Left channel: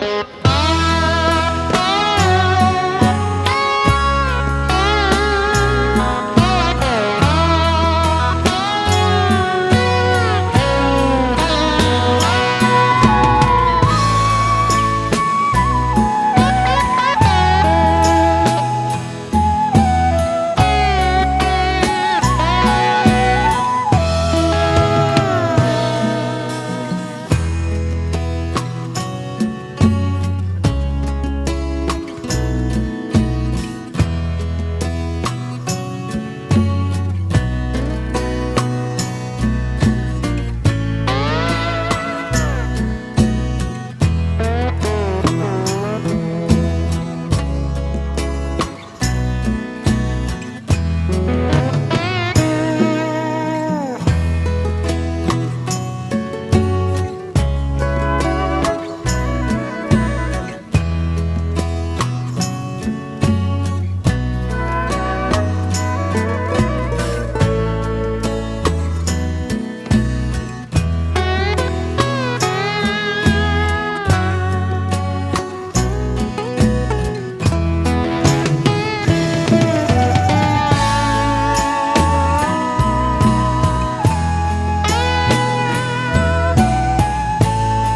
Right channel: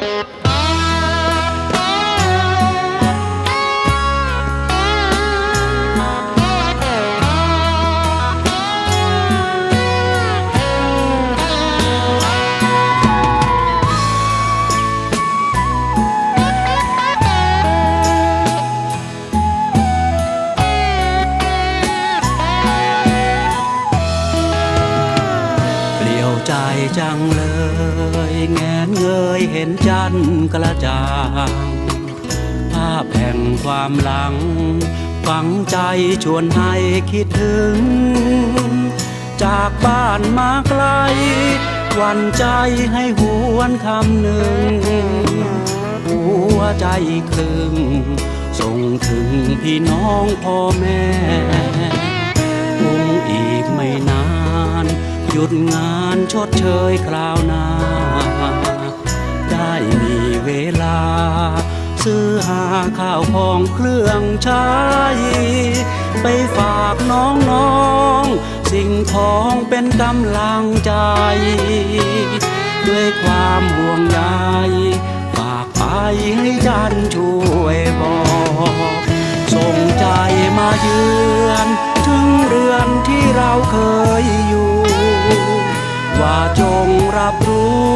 เความหลัง ฝังใจชวนให้คิดถึง จากบ้านมาไกลหวันใจให้หวนคำหนึ่ง หัวใจคลึงส่งถึงพี่น้องพ่อแม่คงอีกไม่นาน หยุดงานชดเชยคราวหน้า ข้าวของเครื่องใช้ ไปฝากน้องๆ สิ่งของเป็นกำลังใจ ด้วยความห่วงใยฝากไปให้จันช่วยบอกส่งใจมาเยือนถึงเรือนที่เราเคยอยู่ ว่าจงรับรู้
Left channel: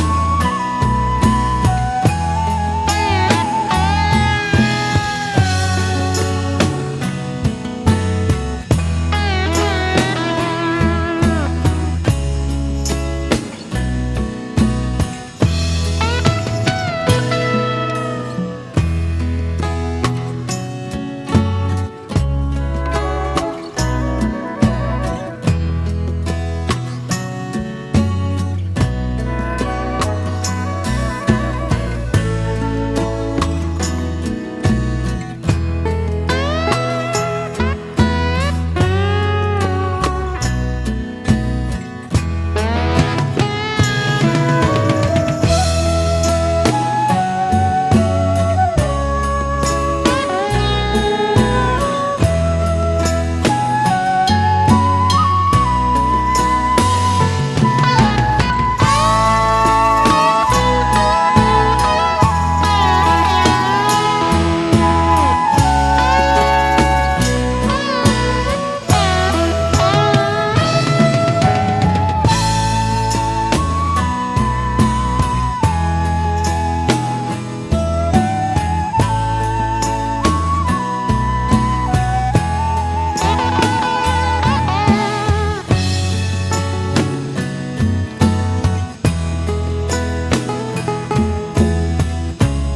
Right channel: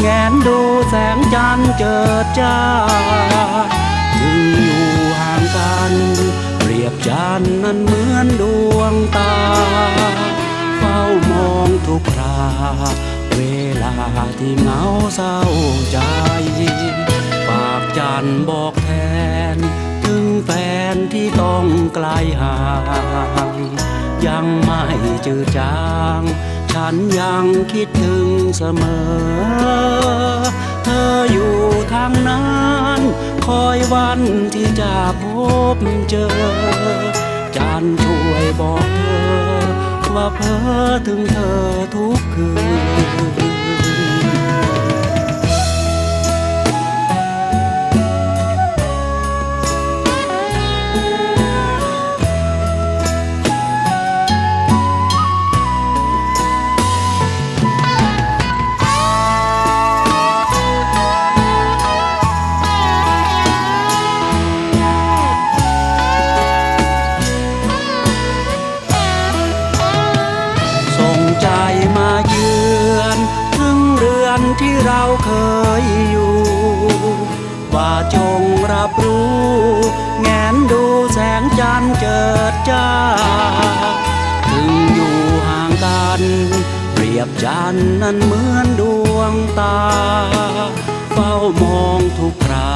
แงนดูแสงจันเจิดจ้า เศร้าใจฝากจันบอกแทน ถึงแฟนที่ต้องไกลห่างยังไม่จืดจาง ฉันยังคิดถึงเสมอ เธออยู่ทางนั้น คอยวันที่จะพบเจอ จันช่วยบอกเธอ ว่าเพ้อถึงเธอ จันนั้นเหมือนดวงตา เฝ้ามองทุกครา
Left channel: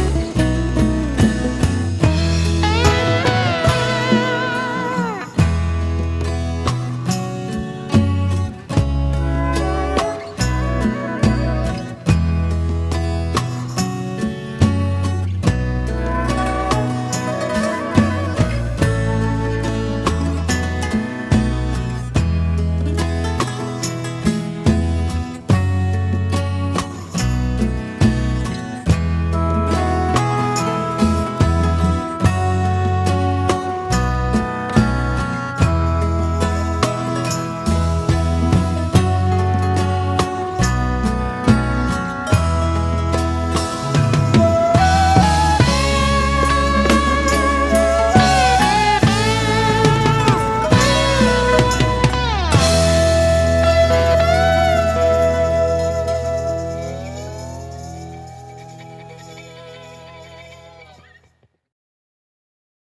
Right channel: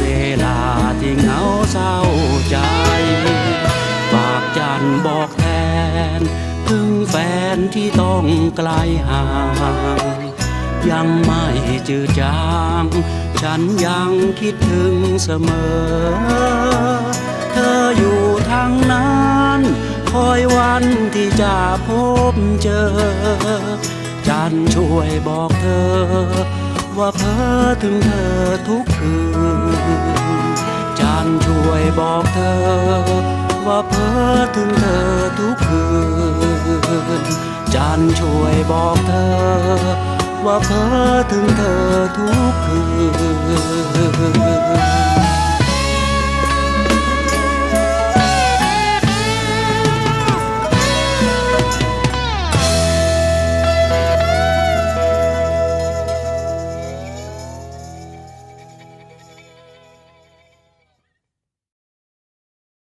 เวลาที่เหงาเศร้าใจฝากจันบอกแทนถึงแฟนที่ต้องไกลห่างยังไม่จืดจาง ฉันยังคิดถึงเสมอ ช่วยบอกเธอ ว่าเพ้อถึงเธอทุกคืนจันช่วยบอกเธอ ว่าเพ้อถึงเธอทุกคืนจันช่วยบอกเธอ ว่าเพ้อถึงเธอทุกคืน